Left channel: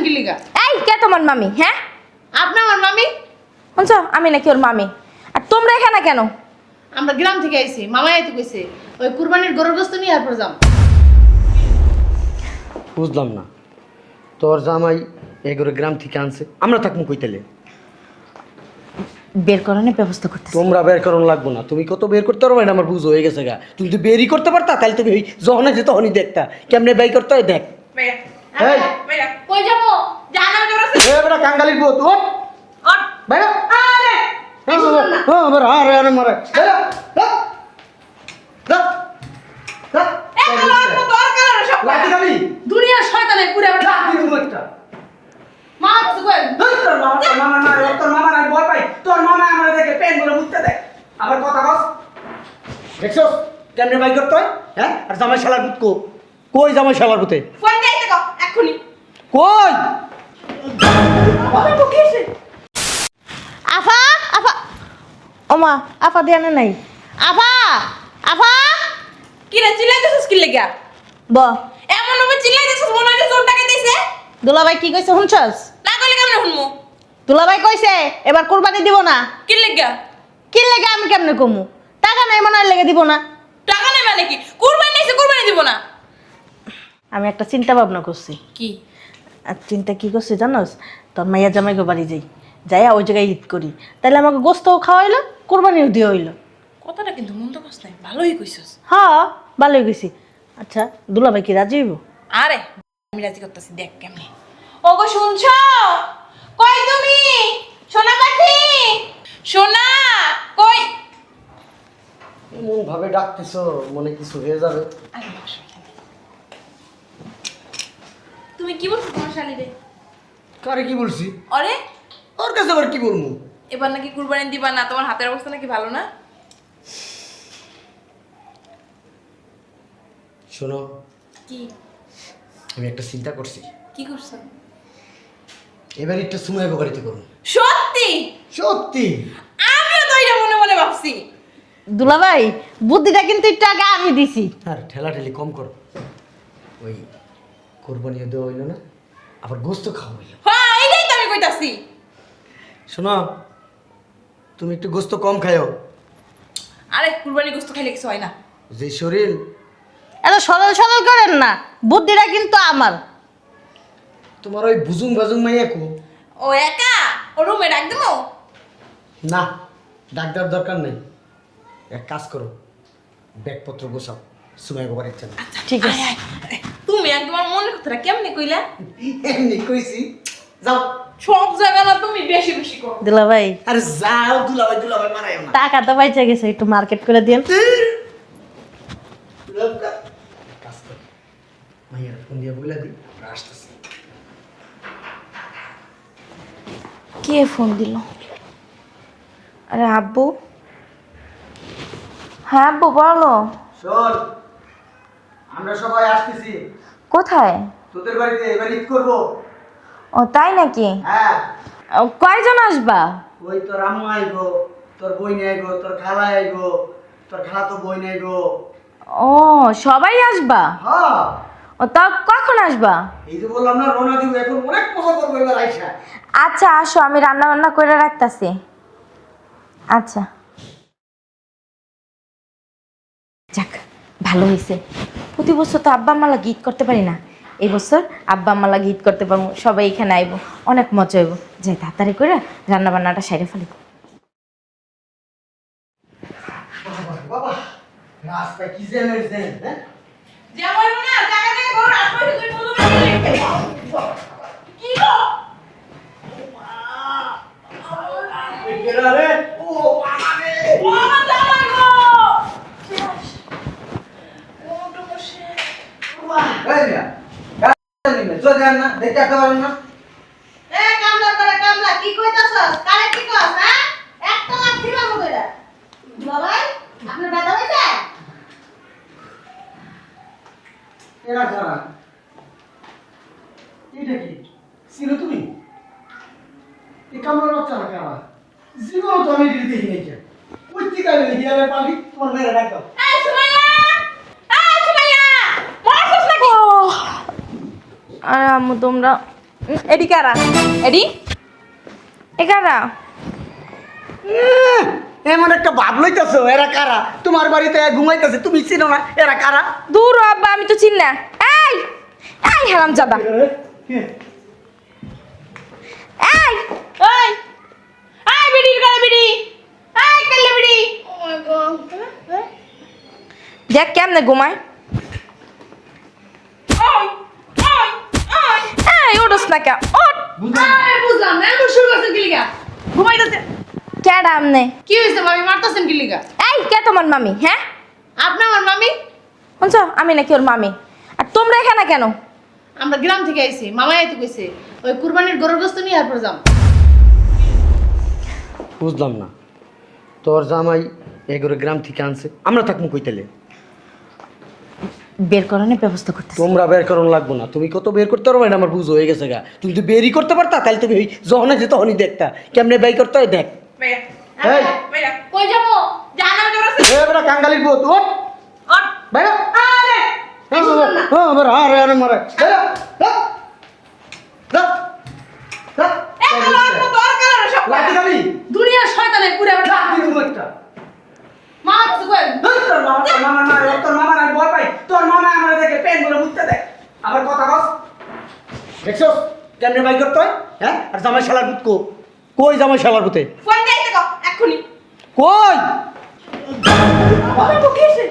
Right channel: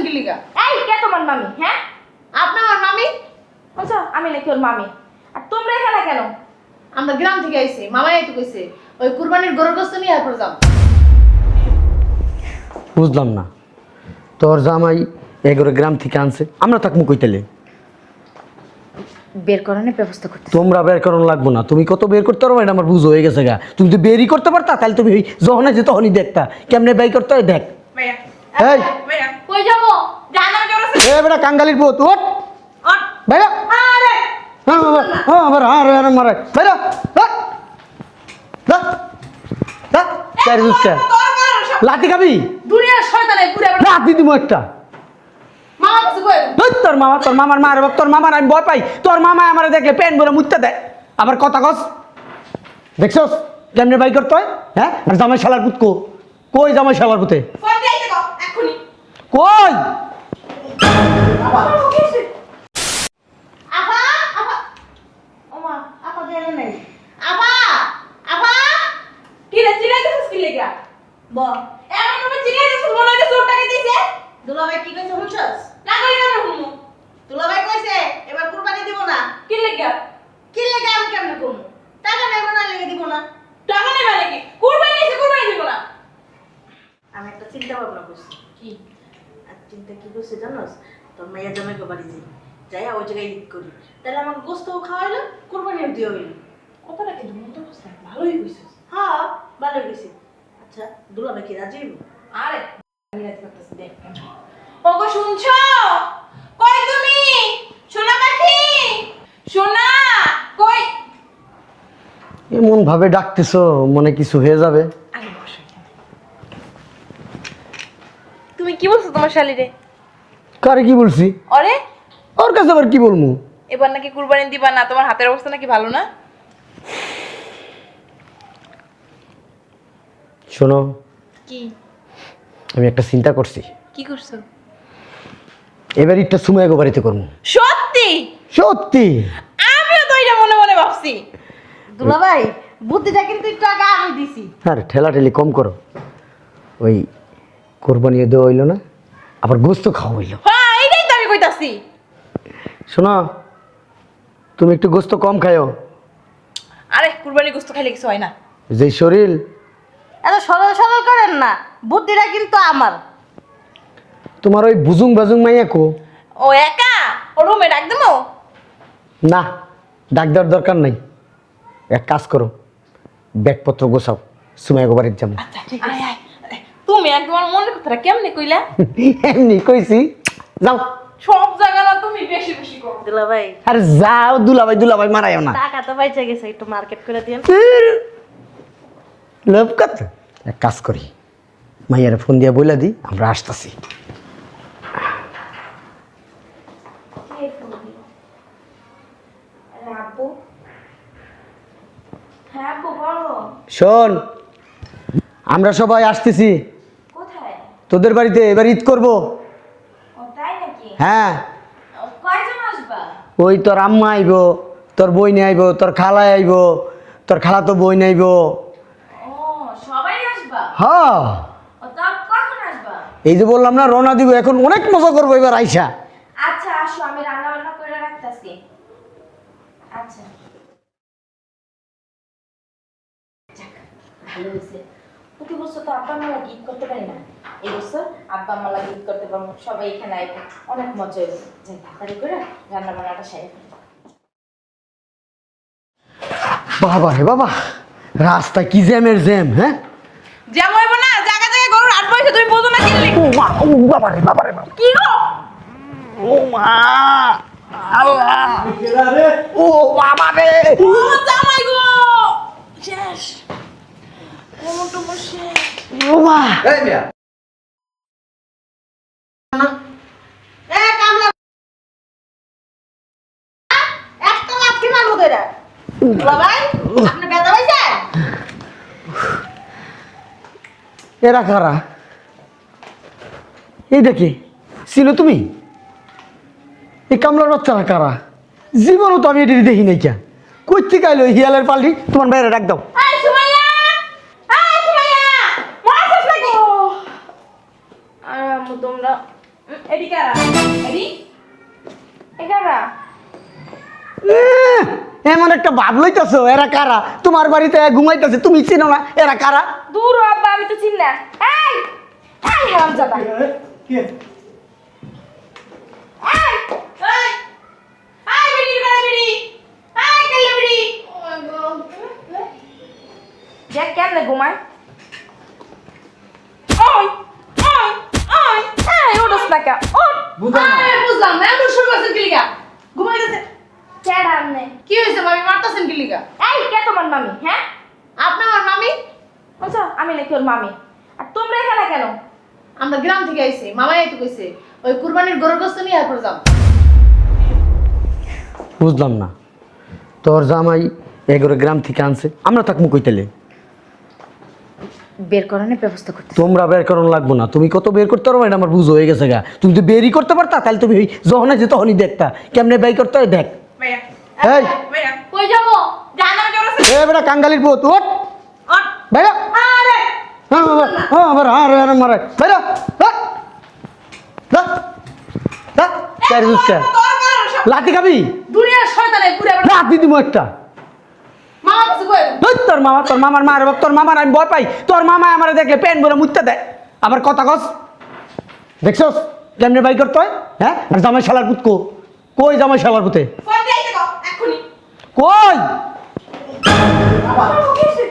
কইতাছেন কি লিগা? এই কে তোমার মামি? হ্যাঁ আপনি আমার মামি? শুনছো আমি নাকি ওর মামি? আর তোমরা এখানে কেন? আমরা গ্রাম থেকে আইছি, মামাই আইতে কইছে ওই কুরবানির গরুর গোশত নিয়ে আর পর যাম। বুঝলাম না, তোর জামাই এগারো গ্রাম থেকে আনছে, আমরা থাকবো কইতালে? বের করানোর ব্যবস্থা করতে। তোমরা বের করানো লাগবো না, তুমি কত বের করতে পারো এটা আমার বুঝ হয়ে গেছে গা। তুমি তো বেরই করতে পারতা, তাহলে তুমি যখন আছে তখনই দেখতা কেমনে ব্যয় করতে হয় দেখ। ভাইয়া এই ভাইয়া কই যাবো? জানা জোরেছে। এই বেটা কাঙ্গালির পুত ওঠ ওঠ। ভাইয়া। আরে হ্যাঁ বাবা, হ্যাঁ বাবা, আরে মারে ভাইয়া লাঠি খাবি? দুনিয়ার শয়তানে পুরো লাঠি দিব একটা। মামা কিছু কই? তোর মামা, তোর মামার মারে, তোর মামার আমি ভয় পাই। তোর মামা আমার দেখলে প্যান বলে মুততে দেয়, আবার কথা কস। দেখছস কেমনে বাই করতে হয়? হ্যাঁ, আর জামাই শালার পুত কই জামাই শালার পুতে কই যাইতে কও এখনি। কই? আফা আফা ওমা আপা দেয়া নাই। আফা আফা কি রে চিল্লাইতেছিস কি লাগা? ব এমন ভাবে চিল্লাইতেছিস মনে হয় জোর টাকা দিছে। দুলাভাই কি কইছে শুনছস? না করে কেমনে শুনমু? দুলাভাই কইছে এবার কুরবানি দিব না। কি লাগা? কি লেগে আমি কেমনে কমু? টাকা নাই মনে হয় লেগে দিব না। টাকা নেবে নাকি? কুরবানি নিছে কুরবানি দিব না। আমি একটা চিন্তা ভাবনা করছি। কি? আর চিন্তা কি করছি জানোস? তোর মাইয়া জামাই গো বাড়ি যাইয়া ওই জায়গায় ঈদ করি, তাহলে আমাকে গোস্তও খাওয়াইলো, কোরবানিও দিয়ে হইলো। কথাটা কিন্তু মন্দ কস নাই, ভালোই কইছস। হ্যাঁ ভালোই গেছি। আচ্ছা দুলাভাই কি রাজি হইব? আরে আমি রাজি করতেছি, দেখ কেমনে। ওগো শুনছো? কই তুমি? সোনা পাখি, সোনা কই? এমন ভাবে ডাকতেছো মনে কিছু হয়ে যাবে। আরে বসো এখানে। তুমি কি বলছো তোমার শালিরে? কারে কি বলছি? আরে ওর কাছে আবার কি বলবো? এবার নাকি কুরবানি দিবা না, তোমার হাতের অবস্থা নাকি ভালো না? শোনো, কি আমি একটা চিন্তা করছি, কি করছো? এবার একটা সময় বাড়িতে করবো। সত্যি? সত্যি? আমিও তো এটা মনে মনে ভাবছি। দুলাভাই বুদ্ধিটা কিন্তু একটু আগে আমি দিছি। আরে ঠেলাঠেলি কম করো, ওই কোরবানিও দেওয়া হইলো না, আবার গোস্ত খাওয়া হইলো। হ্যাঁ এইটাই তো আমি কইতাছি। শোনো, তুমি একটু গোস্ত কম খাও। আরে কুরবানি গোশত খাইলে কিছু হয় না। যে শরীর, এত সরল সরল করেন না, বুদ্ধিটা কিন্তু আমার। তোমার ওই বুজুং বাজুং মাইয়া কো? ও একা? ও রুমে ডাক দেবো? না, ডাক্তার দরকার নাই। এক কাজ করো, ব্যাগপত্র গোছাও, সুমাইগো বাড়িতে যাবো। আচ্ছা ঠিক আছে। তুমি একদম আমার মনের কথাটা কেমনে কইলা? এমনি কইছি, যাও। সব জায়গা না তুমি বেশি বেশি করো। দুলাভাই আরে যাও, দুলাভাই মারাইও না। টাকা তো বাইচা গেছে, একটু মার্কেট করে দিন। লোভ কত? এক কাজ করি, মাইয়ারে ফোন দিয়া বইলা দি আমরা আসতেছি। কে ফোন দিল? আরে আব্বু। হ্যাঁ আব্বু বলো। শোন, আমরা সবাই আসতেছি কোথায়? তোদের বাড়িতে, এবার ঈদ করবো। ও তাই নাকি? হ্যাঁ, কয়জন আসবা? ওই তোর আম্মা আইব, তোর বইনে আইব, তোর খালা আইব, তোর খালা তো বই নাইব। ও সবাই আসবা? হ্যাঁ, ও তা কখন আসবা? এই যে বললাম না রওনা দিব, এখন অনেক মজা করবো এবার আইসা। আচ্ছা আসো, আমি রান্না বান্না করে রাখতাছি। আচ্ছা যাক ভালো হয়েছে, প্রতি বছর তো আব্বা আম্মা লাগে ঈদ করতে পারি না, এই বছর আব্বা আম্মা লাগে ঈদ করতে পারবো, সবাই এখানে আইব, অনেক মজা হইব। যাই তাড়াতাড়ি করে রান্না বান্নাটা সেরে ফেলি। বাবা রে বাবা, রাস্তা কি জ্যামের জ্যাম। হ্যাঁ, যেমন হইব না, জায়গা জায়গায় গরুর হাট বসে তুমি প্রথমে বাবা রে বাবা রে বাবা, কি গো? ও মা, আল্লাহ, ও বাবা রে, ও জামাই গো শেষ। ও তো বসে ও মা। এ কামলা করে কামলা কি কইতাছস? কারে কি কস? হ্যাঁ একটা লাঠি মারবো তোরা। বাবাই আপনি ব্যথা হইছে? এরা কারা? এইটা কি চিনো তুমি? এই কামলার বাচ্চারা কারা? জীবনও তো আমি এটি দেখি নাই। কে কই থেকে আইলো হিয়ালের পাল্টি? তোমার বাইরে ডাক দাও। এই সুমাইয়া, এই সুমাইয়া, মরছস নাকি? আরে আম্মু তোমরা এডি কারা এডি এখানা এমন একটা ভাব লইতেছ, এরা কারা? তোমার বাড়িতে ঘুমাইতেছে, তুমি চিনো না এরা কারা? দূর হ আব্বা, আমি তো চিনি না। এই এই হারামজাদা, এই ওই আই বিড়ি করে বিড়ি আই কালে বিড়ি দেখ কেমনে ঘুমায়। ওই ওই ওই এই ওঠস না কেন? ওঠ। আরে বুঝলাম না এমন শুরু করছেন কি লিগা ঘুমাইতেছে কেডা আমনে? কি হইছে ভাবি মারতাছেন কি লিগা এই কে তোমার মামি? হ্যাঁ আপনি আমার মামি শুনছো, আমি নাকি ওর মামি? আর তোমরা এখানে কেন? আমরা গ্রাম থেকে আইছি মামাই তো কইছে ওই কুরবানির গরুর গোশত নিয়ে আর পরে যাম বুঝলাম না, তোর জামাই এগুলো গ্রাম থেকে আনছে, আমরা থাকবো কইতেলে? বের করানোর ব্যবস্থা করতে। তোমরা বের করুন লাগবো না, তুমি কত বের করতে পারবে না আমার বুঝ হয়ে গেছে গা। তুমি তো বেরই করতে পারতা, তাহলে তুমি যখন আছে তখনই দেখতা কেমনে বের করতে হয়। দেখ ভাইয়া এই। ভাইয়া কই যাবো জানা জোরছে এ বেটা কাঙ্গালির পুত, ওঠ ওঠ ভাইয়া। আরে লাঠি খাবি? দুনিয়ার শয়তানে পুরো লাঠি দিব একটা। মামা কিছু কই তোর মামার মার, তোর মামার আমি ভয় পাই। তোর মামা আমার দেখলে প্যান বলে মুততে দেয়। আবার কথা কস, দেখছস কেমনে বাই করতে হয়? হ্যাঁ, আর জামাই শালার পুত কই জামাই শালার পুতে ফোন দিতে কও এখনি কই? বাবা তো কিছে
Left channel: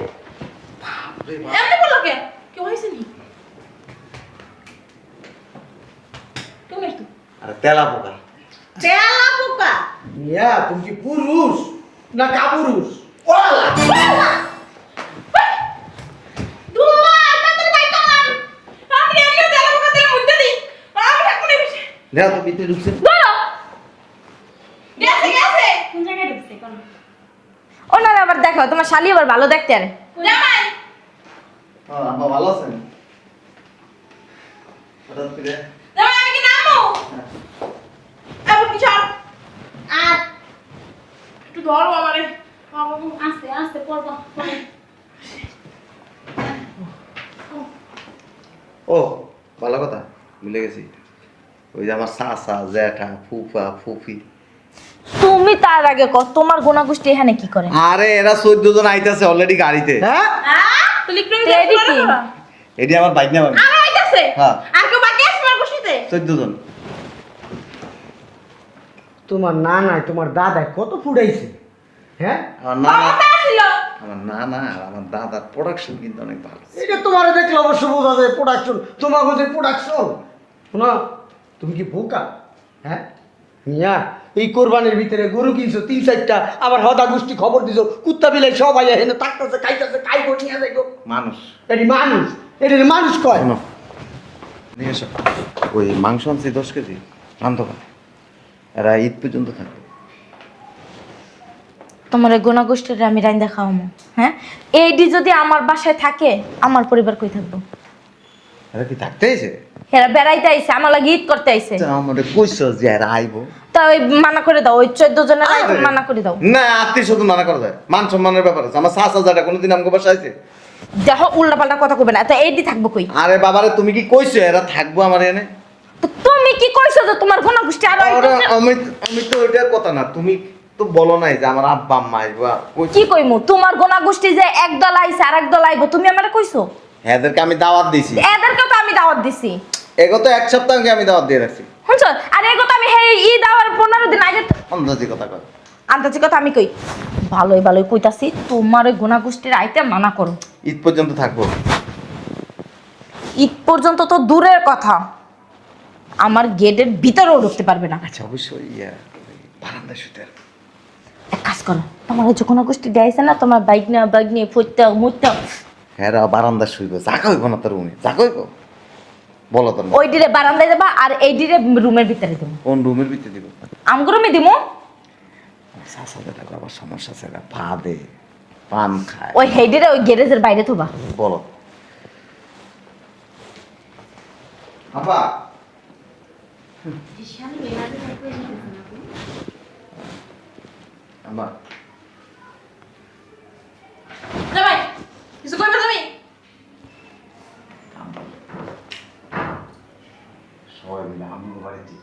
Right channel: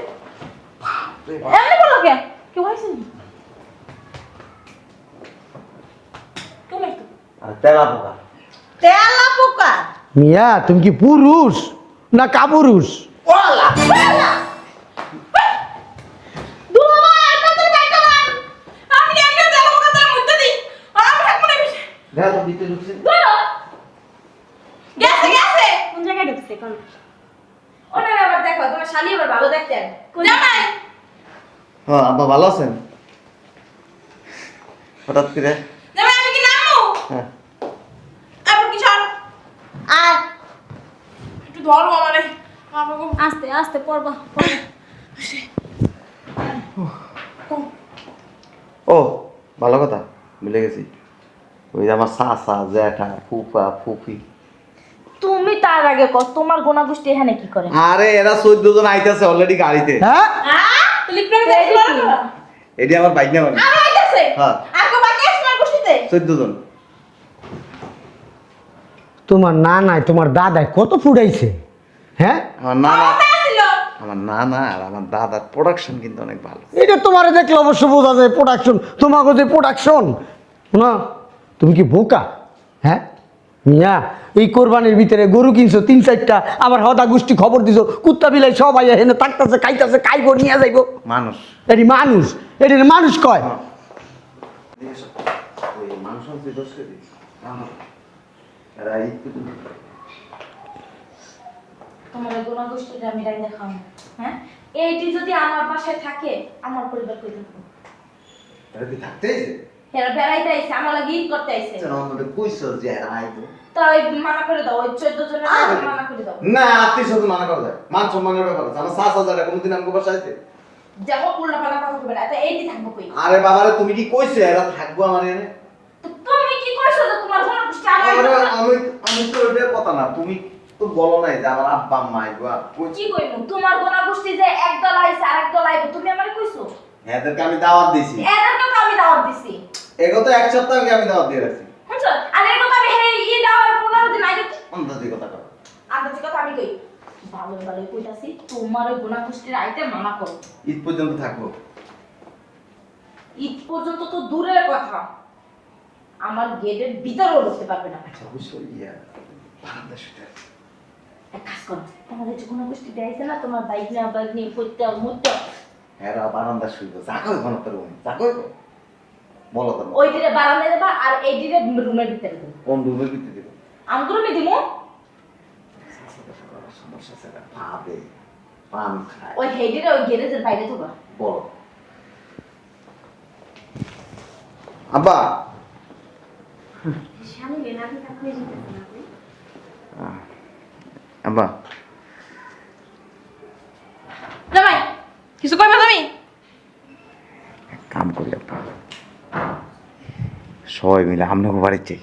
এমনি বলো কে কি হইছে নি কোন এত তেলা পোকা। তেলা পোকা মিয়া তুমি কি পুরুষ না কাপুরুষ? ওলা দুয়া এটা তো দেখলাম আমি এমনি তেলা পোকা তেল মুতে দিই আর আমি থাকবো না বেশি দেখ তো ভিতরে ঢুকছে। বলো গেছে গেছে কোন জায়গায় ঢুকছে কোন ওনারা আবার দেখো, তোমার শালি আবার ভালো দেখতে আরে। জামাই হ্যাঁ, আব্বা ভালো আছেন? হঠাৎ করে জামাই আমি কি নামো হ্যাঁ। আবার কি সর আর একটু ধরো আমারে আমাকে আস্তে আস্তে পড়বা ও ভালো কথা, ভুলে গেছি। ওই যে আমার চাচা, জ্যাঠা, ফুফা, ফুফি। তুমি তার আগে কর, তোমার গোনাগুষ্টি এখানে কি করে? আরে এরা 14 জন আইতাছে অলরেডি গাড়িতে। হ্যাঁ, তুই প্রেম তুই এদিকে কি? এটি আমার বাইক না মামি। আর আইতাছে হ্যাঁ। আর কেউ বাকি আছে আমার বসিতে 14 জন। তোমার নানায় তোমার দাদায় কত ফুটাইছে। হ্যাঁ, আমার নানা, কত ছিল আমার নানা আর আমার দাদার প্রোডাকশন কিন্তু অনেক ভালো। এটা তোমার দেখলে অবশ্য বোঝা যায় প্রোডাকশন। তোমার কাছে প্রোডাকশন না, তুমি কি বোকা? হ্যাঁ মিয়া, এই কোরবানির ভিতরে গরু কিনছো 3-4টা, আবার হদা গোষ্ঠী খবর দিছো, কুত্তা বিলাই সবাই এখানে থাকতেছে, খাইতেছে, খাইবো নিয়ে যাইবো। মানুষ এটি মানুষ, এটি মানুষ কয়। নিয়ে এসো। ওই মাংস আনছি 10 কেজি, আনতো না। এরা ঈদ পর্যন্ত থাকবে। তোমার এই গোনাগুষ্টিটা আমি রাইন্দা খাওয়ামো। হ্যাঁ, এইডি যদি আমার বাসায় থাকে, আমার পরিবার কই থাকবো? এরা কি থাকতেইছে? এরা বেড়াইতে আইছে, আমার লাগে ঈদ করতে আইছে। আমাদের কইছো যে এরা আইবো। তা ওই মানা করে দাও, ওই 14 জনের মানা করে দাও। না, আত্মীয় স্বজন মানা করা যায়, মান সম্মানের ব্যাপার আছে। আমার চাচা যাটা কোনোদিন আমাকে বাসায় আইছে? দেখো উল্টা পাল্টা কথা কইবে না, তো এইডি থাকবো কই? আরে বাবারে, তুমি কি কইছো এরা থাকবো আমার এনে? তো তুমি কি কইছো যে তোমার গোনাগুষ্টি আর আমি তো ওইটার কথা না, তুমি তো বলো নাই যে আমার আব্বা আম্মা আইবো। কি কইমু? তোমার গোনাগুষ্টি যে একদল আইছে আর একদল আইবো, তুমি আমারে কইছো? এদেরকে আমি দাওয়াত দিছি। এদেরকে তো আমি দাওয়াত দিছি। এগো তো 1 সপ্তাহ আগে আমি দাওয়াত দিয়ে রাখছি। শুনছো? আর এই কথা আমি হেই ঈদ আওয়ার 15 দিন আগে অন্দাজি কথা কর। আন্তাজি কথা আমি কই। ভালোই ভালোই কইতাছি, তোমার ওই গোনাগুষ্টির আইতে মানা করো। ঈদ পর্যন্ত থাকবো। ঈদ পর্যন্ত তো দূরের কথা, আমার গেটের ভিতরেও ঢুকতে পারবে না। আচ্ছা, অবশ্যই বারান্দায় শুতে। এক কাজ করো, তোমার ওই যে গোনাগুষ্টি দিয়েছে না, তোমার বাইক নিয়ে ফুটতে মুটতে, হ্যাঁ, বারান্দা শুইব, জাগা হইব না তোর রুমে, জাগা হইব। বলো তোর ওই ডিরে বারান্দায় দেবা আর এই ডিরে রুমের ভিতরে দেবো। কোন রুমের ভিতরে দিব? আমগো রুমে দিমু। সাসাদের আবার সমস্যা আছে না, পা দে, পান খায়। ওই হেডিরে ওই গ্যারেজের বাইরে থবা। বলো আব্বা। আব্বা, জামাই কিছু কইবা তুমি কাম করি আব্বা, সবাই মিলে আপনাকে বাড়িতে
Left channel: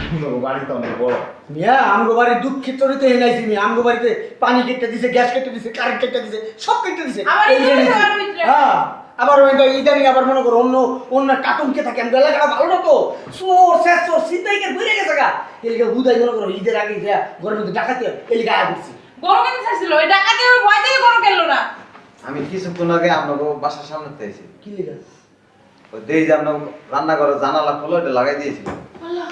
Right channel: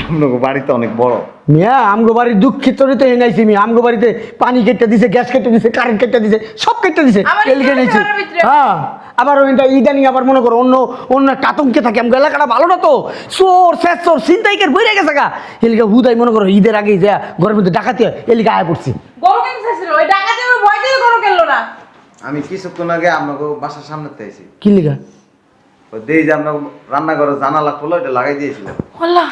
আপনাকে বাড়িতে অনেক বড়। মিয়া আমগো বাড়ির দুঃখিত তো এনাইছি মিয়া আমগো বাড়িতে পানি কেটে দিছে, গ্যাস কেটে দিছে, কারেন্ট কেটে দিছে, সব কেটে দিছে। আমার এদিকে ইচ্ছে এনেছি। ঘরের ভিতরে। হ্যাঁ আবার ইদানিং আবার মনে করো অন্য অন্য একটা আতঙ্কে থাকে। আমগো এলাকাটা ভালো না তো, চোর শেষ চোর ছিনতাইকের বইরে গেছে গা। এলিকা হুদাই মনে করো ঈদের আগেই যা ঘরের মধ্যে ডাকাতি হয়, এলিকা আয়া করছি। গরু কিনতে চাইছিল, ওই ডাকাতের ভয় থেকে গরু কিনলো না। আমি কিছুক্ষণ আগে আপনাকে বাসার সামনে পেয়েছি, কি লিগা? ওই দেই যে আপনাকে রান্নাঘরে জানালা খোলা ওটা লাগাই দিয়েছিল। আল্লাহ,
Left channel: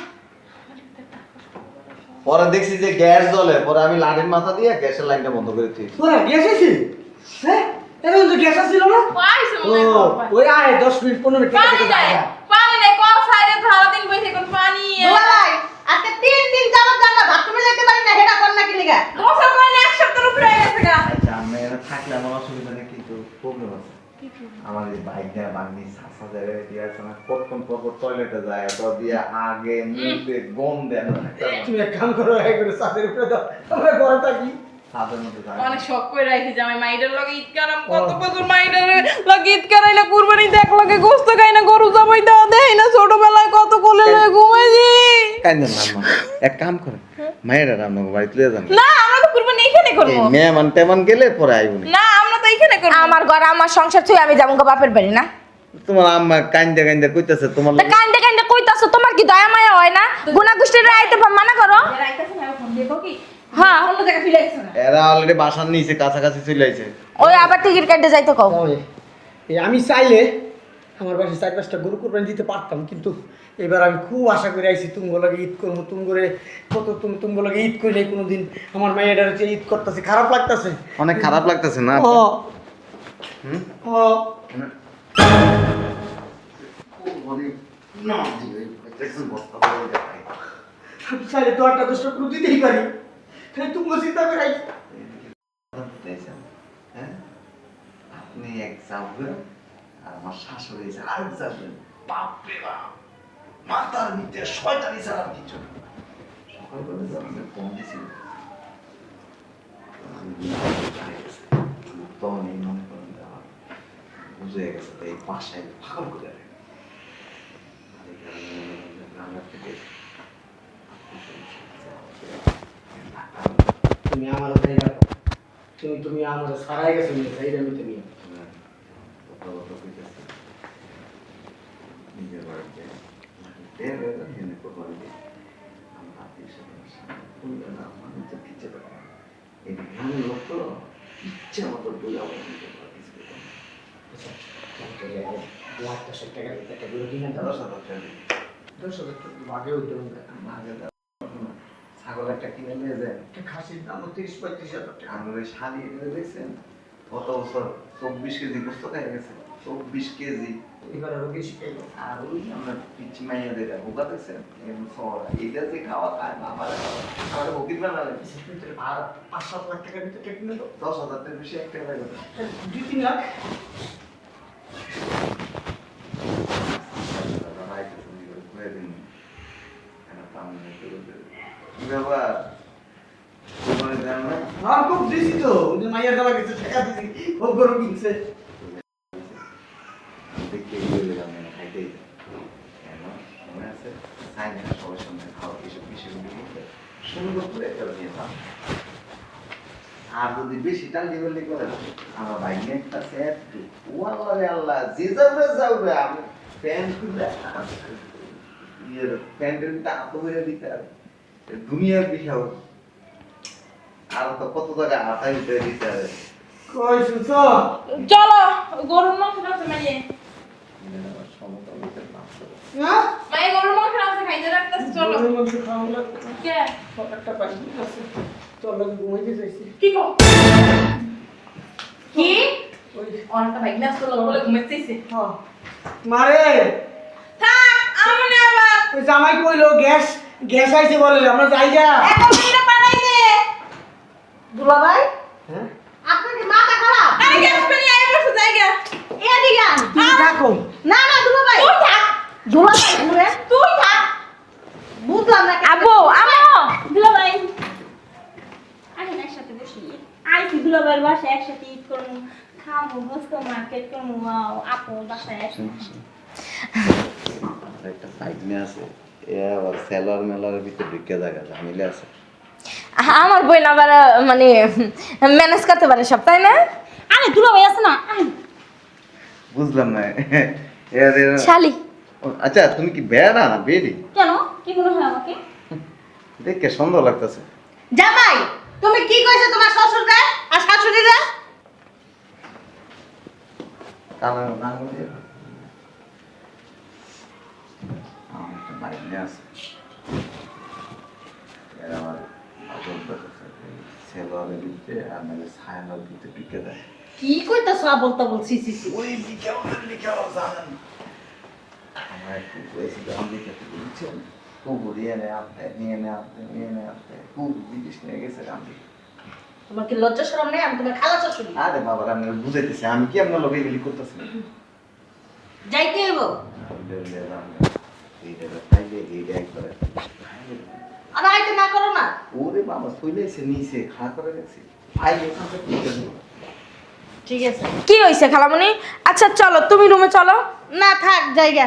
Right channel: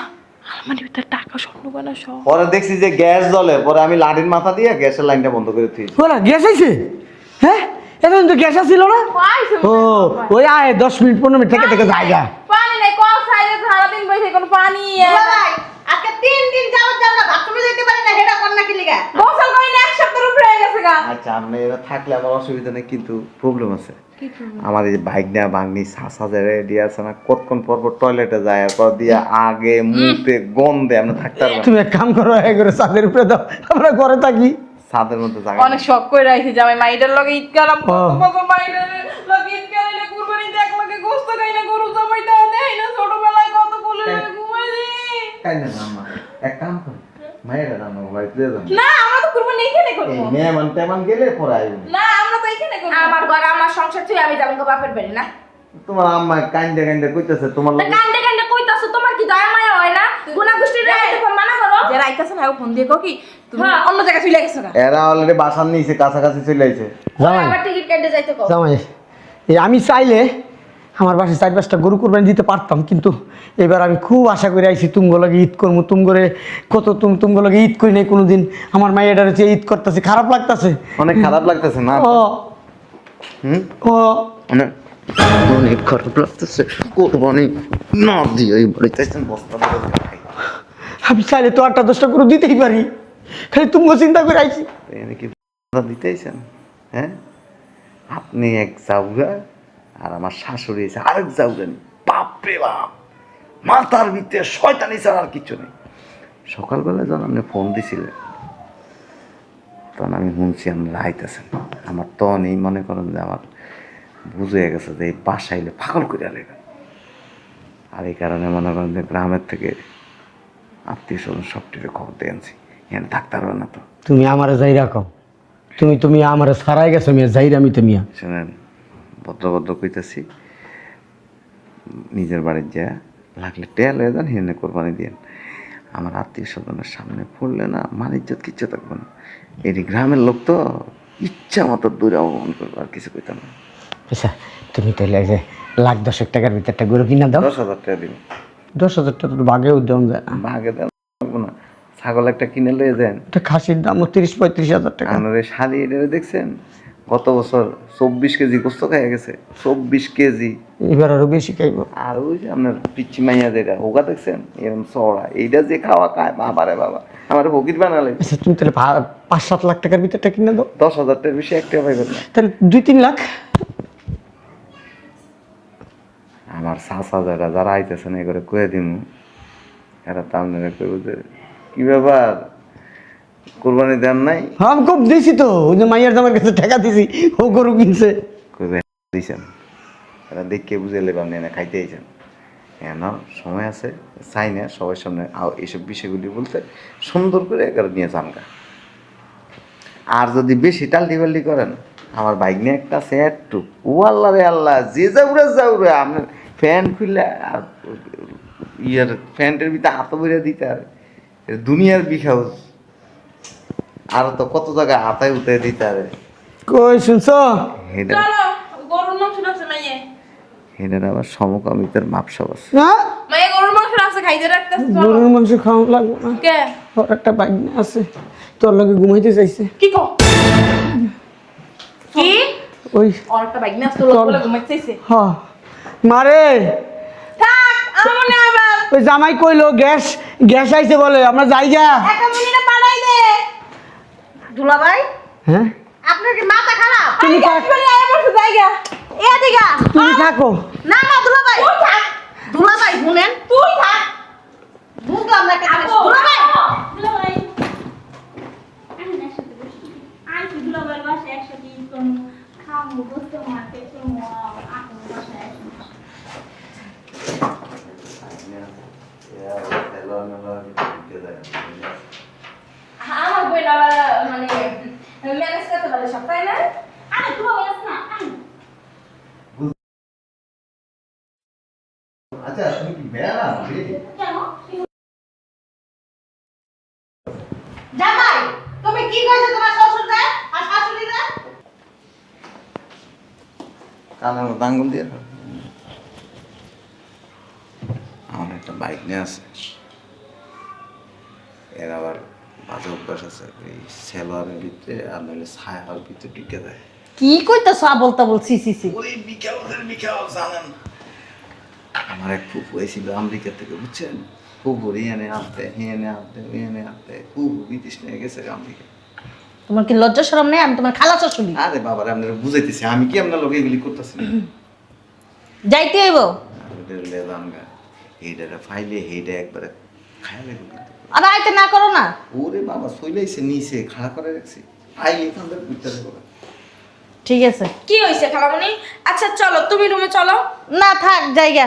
আলমারির ভিতরে টাকা স্বর্ণ গয়না সব। পরে দেখছি যে গ্যাস জ্বলে, পরে আমি লাঠির মাথা দিয়ে গ্যাসের লাইনটা বন্ধ করে দিয়েছি। ওরা গ্যাস আইছে? হ্যাঁ এখন তো গ্যাস আসছিল না। পাইছে ও ওই আয় 10 মিনিট 15 মিনিট থেকে থেকে জায়গা। পানি নেই, কল সাইডে সারা দিন বসে কোন পানি ভাই আজকে 3 দিন যাবত আমরা বাথরুমে যেতে পারি না, হেডা কোন নাকি লিগা? বছর কয় না, এক সপ্তাহের উপরে হয়ে গেছে গা। আচ্ছা আমি এরা থাকলে আমার অসুবিধা নেই, কিন্তু প্রবলেম আছে। আমার এই বাইক নেওয়া বাগনি সাসা যায় রেডি আছে না, কতক্ষণ পর পর টয়লেটে যায়, পর দিয়ে আগে মুখে গন্ধে আমরা থাকতে পারবো না। তুমি এক কাম করো, এক করে ছাদের উপরে দাও, আমরা ঘরে থাকি। ছাদের মধ্যে জায়গা অনেক শখ করে রাখি যে আমি মাইডের লগে ঈদ কারাম কত বছর মাইডের লগে ঈদ কারাইলে কুরবানি দেখ লগে গোস্ত খাই না, গরু জবাই দেওয়া দেয় না, ছোটবেলায় কত কোলে লয়ে ঘুমাইছি। কাইন্দেন না আম্মা, এক কাম করেন মায়ের রান্না বাড়িতে তুলে যান। না আমরা তো কুরবানি এখানে এই করব। মেহমান টেমান গেলে পরে আইবনি। না আমরা তো এখানে করব। আমার ঘর আমার সংসার ছুঁয়ে আমি যাবো বাপের বাড়ি না। তোমার আম্মা কাইন্দে কাইন্দে কইতাছে তোমার তা লগে। কান্দে কান্দে কইতাছো, তোমার কি দয়া মায়া হয় না? গুনা গোষ্ঠীর আইতে মানা করো। যারা আইতাছে না ও ফোন দিয়ে কও কি হ্যাঁ অন্য জায়গায় চলে গেছে না। এরা অলরেডি বাসার নিচে কাছাকাছি চলে আইছে। ওই আবার টিকিট কাটতে যাইতে কও। জামাই এই আমি চাইলে আমার বাসায় 4-5টা গরু কুরবানি দিতে পারতাম, কিন্তু এবার আমি খুব আশা করে আইছি তুমগো লাগে ঈদ করবো। তুমগরে কত তুমগো লাগে ঈদ করি নাই কোনোদিন। আমার মায়ের হচ্ছে ঈদ করতেছে, খারাপ লাগতেছে। অনেক খারাপ লাগতেছে না? ও হুম ও অনেক অনেক খারাপ লাগতেছে। কোরবানি না দিয়ে এই বাড়িতে বস্তা ভরে খাই। আমি চাইলে তো 8টা-10টা গরু দিতেই পারি, খালি তুমগো চিন্তা করে আইছি। এনে কি দিতেইছেন? হ্যাঁ আপনি এক জাউগা আর আমার শাশুড়ি এসে আরেক জাউগেন। বাপরে বাপ, মাথার ভিতরে শয়তানি ছাড়া আর কিছু নেই। সকালবেলা যখন আপনি ফোন দিছিলেন তখন আমি শুনছি আপনি আইতেছেন। আমার তখন এই মনে করেন যে আমার বুঝে গেছে যে এই বাসাইলে পাগল করে আলেগা। আর এই কারণে মনে করেন যে গ্রামের থেকে আত্মীয় স্বজন সব টিপে খবর দিয়ে আনছি। এখানে থাকতে পারবে না তো। তুমি আমারে যাই রাখো, তুমি আমারে সারাই গেছো মিয়া, যাই আমি তো মিয়া। শোনেন ভদ্র কইতেছি, নিজের বাড়ির যা লাগলে টেল হয়ে যান, হেনে কোরবানি দিয়ে। আমার আত্মীয় স্বজনের সামনে পড়লে না মান ইজ্জত কিচ্ছু থাকবে না। এটি গ্রামের লোক তো ইচ্ছা মতো দূরে অবমান করবো, আর কিছু কইতাম না। আচ্ছা তুমি তাহলে এই যে 1,10,000 টাকার ভিতরে একটা গরু কিনা দাও। 10,000 টাকা দিন, 10,000 টাকা তো বাঘে উদ্যম যায় না। ভাগে দেন না। ছাগল একটা কিনে লয়ে যান। একটা খাসির দাম 30-35,000 টাকা। আমার এই শালি এটা দেখছেন গত বছর 24 কেজি গোস্ত খাইয়া গেছে। 24 কেজি। এবার আরো বেশি খাইব। আর ওই যে আপনার পিচ্ছি মাইয়া যেটা হোগা দেখছেন এরকম চড়া, এইটা যে খাওয়া খায় বাবারে বাবা, আমার ফকির বানালে। আচ্ছা তুমি তাহলে 5-7 লাখ টাকার ভিতরটা কিনে দাও। 10,000 টাকার বেশি একটা পাইবেন না। তাহলে 2-3 লাখ। আমার সাহসা যারা আইতেছেন এ করে কয়ে দিন, এরা তো আপনারা কেউ যে কি ব্যাপার কোরবানি দেন নাই? হ্যাঁ আমি খুব দিছি তো, ওই যে মাইয়ার জামার কাছে টাকা দিছি, ও গরু কিনছে। কইবে দিছেন, এরা দেখে বুঝে লেবেন না খাইতে আইছেন। কেন সময় আছে চাই না সবার সামনে এইসব বিষয়গুলি বলতে, সুন্দর করে এগারো নিয়ে চাঙ্গা। আর যদি বেশি টাল্টি করেন, আমার বাইক নিয়ে একটা সেট টু ও আল্লাহ রে আল্লাহ, যে যাউরে আপনার ফ্যান খুলে আর ইয়ার ফ্যানটার ভিতরে হাত বইরে দিতে আর দুনিয়ার বিখাউজ। আর তো কত জায়গায় হাতায় উঠে দিতে আর কই শুনছো? চলো গরুর মাংস রাখছে মাইয়ে। এটার আবার সমকামিতার মাপসব আছে। না মাইয়ে গরুর মাংস রাখছে খাইতে রাখতেছে, চলো। গরুর মাংস খাওয়া লাগবে না। কে ওর একটা বাইক আছে, তোর লগে ঘুমাইতে চাইছে। কি কো কি ওই আর একটা বাইক না তো বলে ঘুমাইতেছে। হ্যাঁ মারে থাক আমু না আবার ওই জামাই কইলো গ্যাস আইছে বলে, আমরা যাই যা। একটা মিনিট বানাই দে। দুলা ভাই হ্যাঁ আপনার কি মাথা খারাপ? আমি গ্যাস পানি আয়া পড়ছে জায়গা। এদিকে আন। তুমি থাকো। না না দুলা ভাই, তুই থাক, দুলা ভাই শুনেন, তুই থাক। বুঝলাম না আপু দুলাভাই আসেন একসাথে বসি। আইসি দুলাভাইয়ের বাসায় একসাথে ঈদ করবো, খাবো, গোস্ত মার্কেট করবো। আপু বাসায় আসুন। একটা সাইডনে আছে এ আবার সেলর মেলরের ভিতরে ঢুকে জায়গা মিলে আছে। আমার বোন আবার মানে ম্যানেজ করতে পারে সব, তাই না? আরে দুলা ভাই আছে না, আয়। বুঝলাম না শালি। আচ্ছা তুমি কি বেয়া না বেডি কেন কি মনে হয় আমাকে? দেখে সুন্দর লাগতেছে। জামাই তুমি কি কইছো তোমার শ্বশুরকে আর শাশুড়িরে? কালার আঙ্গুল দিয়ে আমার একটা বাইক নিয়ে আছে, এর আবার বাজে অভ্যাস আছে এই সেলোয়ারের ভিতরে আর নাহলে ছায়ার ভিতরে ঢুকে দেয়। কি কইতাছো বলতা বলছি সি ওই মিখাও জানেন আমার এক ফুপু এসেছিল আমেরিকা থেকে, বুঝছেন? ফুপু এনে আসতে এনে আসতে ফুপু বিদেশ নিয়ে গেছে আমেরিকা। তোমার কি লজ্জা শরম নেই? আমি তোমার খালা শাশুড়ি। আরে বাবার আপনারা বুঝাইতেছি আমি কি আপনার লোক এগুলি করতেছি যাইতে হইব। এইটা ফাইলে এইটা একবারে খাইয়া গেল। আর আইতে না করো না। ওরে বাবা চলে এসে নিচে খাড়া করে রাখছি ফাইলে তাহলে করতেছে। ঠিক আছে। কি হয়েছে খালামণি? আচ্ছা চলো তুমি রুমে চলো। না থাক জায়গা।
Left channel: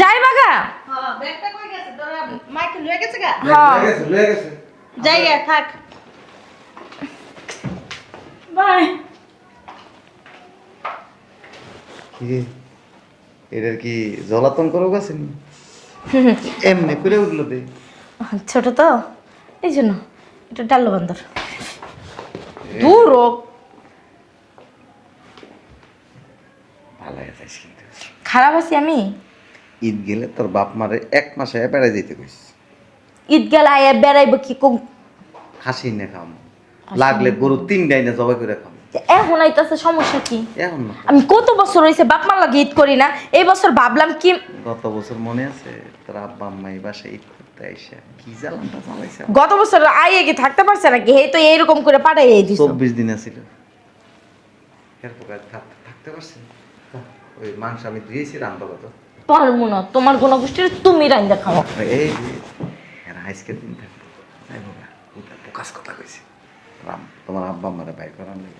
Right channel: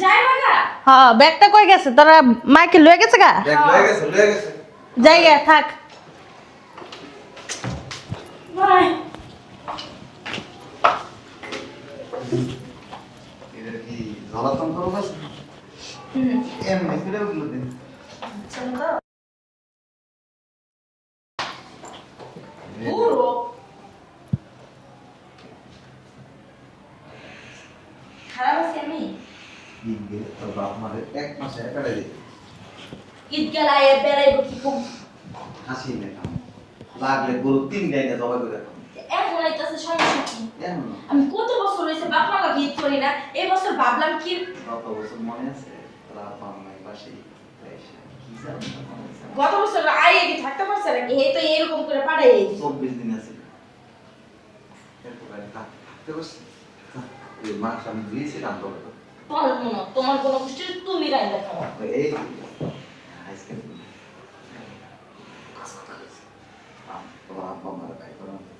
যাই বাগা। হ্যাঁ ব্যাগটা কই গেছে? তোরা মাইকে লয়ে গেছে গা? লয়ে গেছে জায়গা থাক। বাই। এটার কি জ্বলাতন করো গেছে এমনি করে উঠলো দে। ছোট তো এই জন্য এটা ডাল্লো বান্দর দূর ও। ভালো গেছে। খারাপ আছি আমি? ঈদ গেলে তোর বাপ মারে 1 মাসে বেড়াই যেতে কইস। ঈদ গেল আয়া বেড়াইব কি কম? খাসি নে খাও, লাগলে গরু 3 ডাইনা জবাই করে খাও। এখন আইতাছে সমস্যা কি? এখন না, আমি কত বছর হয়েছে বাপ মা লাগে ঈদ করি না, এই বছর ভাবলাম কি গত বছর মনে আছে তোর আব্বা আম্মা এই বাসায় ঈদ করতে আইসা কি জ্বালাটা জ্বালাইছে। গত বছর আইয়ে কি থাকতে পারছে নাকি? হে তো এইরকম করে পাঠাই দিছ। 24 দিন আছিল থাকতে পারছি। ওই মাংস আমি দিয়েছিলাম তো কত পারবো না, তোমার কোনো গোষ্ঠীর তুমি রাইন্দা খাও। এই যে এরা আজকের দিন থাকতো প্রকাশ কথা কইছি তোমার আব্বা আম্মারে বাইর করার নেই।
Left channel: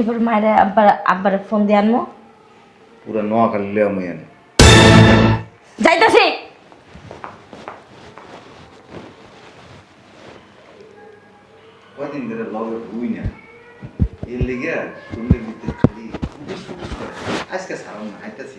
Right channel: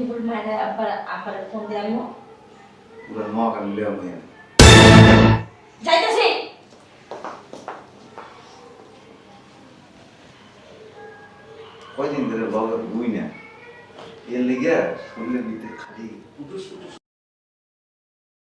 এবার মায়ের আব্বারে ফোন দিয়ে আনবো। পুরো নোয়াখালী লিয়ে আমি এনে যাইতাছি। কয়দিন ধরে লগে বুই না এর লিগে শরীরের ভিতরে খালি ফুটুস ফুটুস করে। আজকে সারাম না হাইতাছি